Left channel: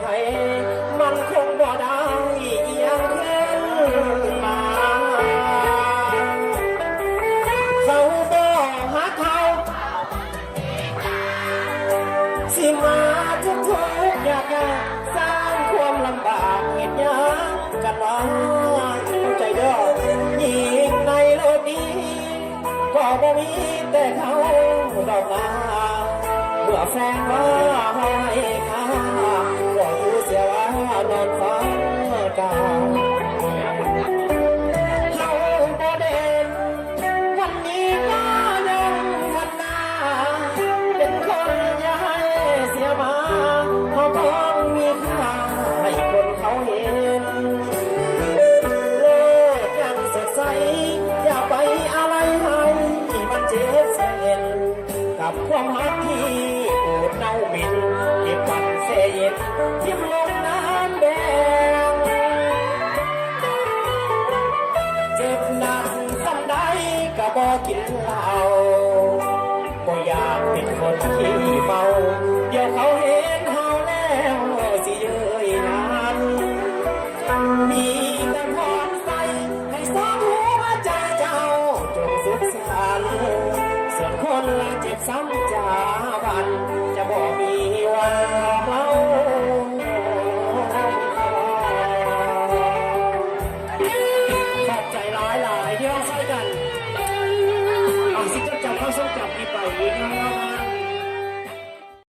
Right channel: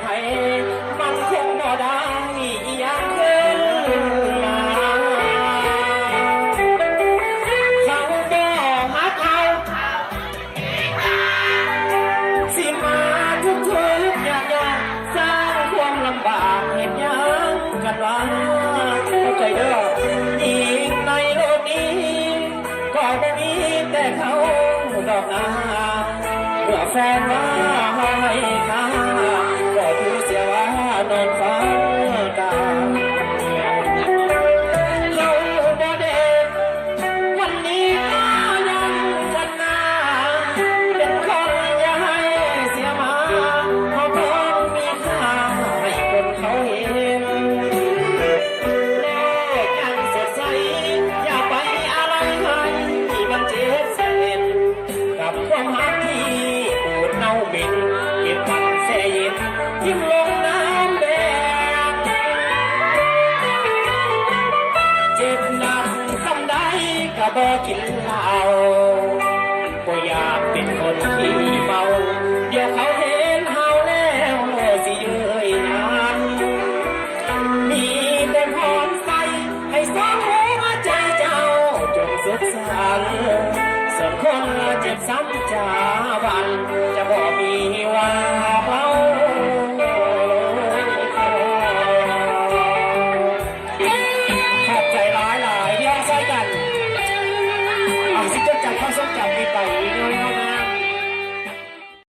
ไขมันคงบ่ได้ยังเพิ่มมาเขาบ่ฮักเขาสิมาทุกยากสร้างความลำบากเหตุยังกันมาเข้าใจเด้ออีกในโลกนี้ก็ไม่มีแต่เขาดอกนาเมื่อแฟนว่าให้ค่าก็รู้เสียว่านอนฝันตาเขาบ่เด่นวันนี้ก็ยังกันนาเป็นคนอย่าให้เสียมาเพราะผมมีค่าให้คนเขาเห็นโลกยังเสียใจอย่าไปอะไรเลยที่มันเจ็บเส้นกับความรักที่ปวดเน่าเหม็นเก็บกันเสียเย็นทิ้งลงน้ำแดงเจ็บหนักสักใดก็บอกกิน